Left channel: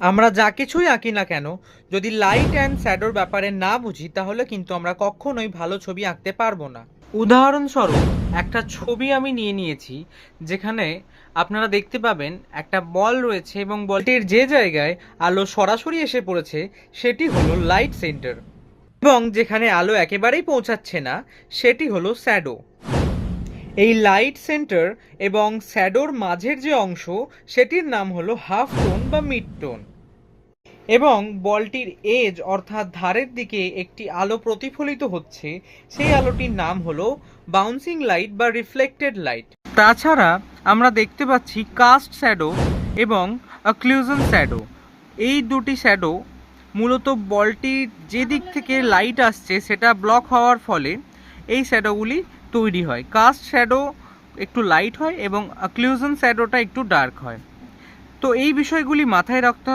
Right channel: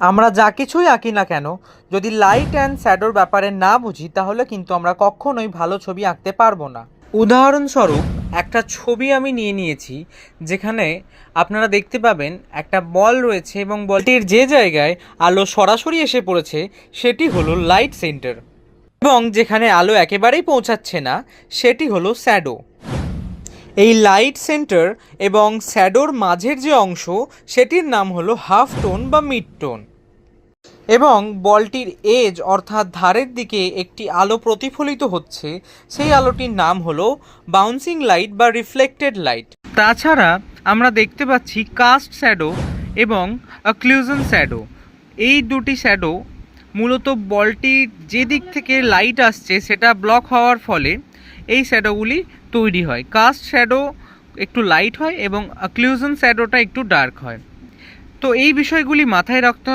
আমরা যা কিছুই আঁকি না কেন, যদি লাইট অ্যান্ড শ্যাডোর ব্যাপারে না বুঝি তাহলে কিন্তু আমরা কখনোই ভালো ছবি আঁকতে পারবো না। উদাহরণস্বরূপ একটা ছবি আমি নিয়েছি, যেখানে আপনারা দেখতে পাবেন একটা বল রয়েছে এবং বলটির যে জায়গায় আলো সরাসরি এসে পড়েছে সেটি হলো লাইট সেন্টার, এবং যেখানে আলো একেবারেই পৌঁছাচ্ছে না সেটি হলো শ্যাডো। এই লাইট সেন্টার এবং শ্যাডোর মাঝের যে অংশ সেটির নাম হলো হাফ টোন বা মিড টোন, এবং বলটির এজ অর্থাৎ ধারের দিকে একটি আলো প্রতিফলিত হচ্ছে, সেই আলোটির নাম হলো বাউন্সিং লাইট বা রিফ্লেক্টেড লাইট। তাছাড়া আমরা দেখতে পাচ্ছি কাস্ট শ্যাডো এবং অক্লুশন শ্যাডো। এই দুটি শ্যাডো মূলত বলটির যে দিক থেকে লাইট আসছে সেটা ব্লক হওয়ার ফলে এই শ্যাডোগুলি তৈরি হয়। কাস্ট শ্যাডো একটু লাইট হয় এবং অক্লুশন শ্যাডোটা একটু ডার্ক হয়। তো এই বিষয়গুলি মাথায় রাখতে হবে।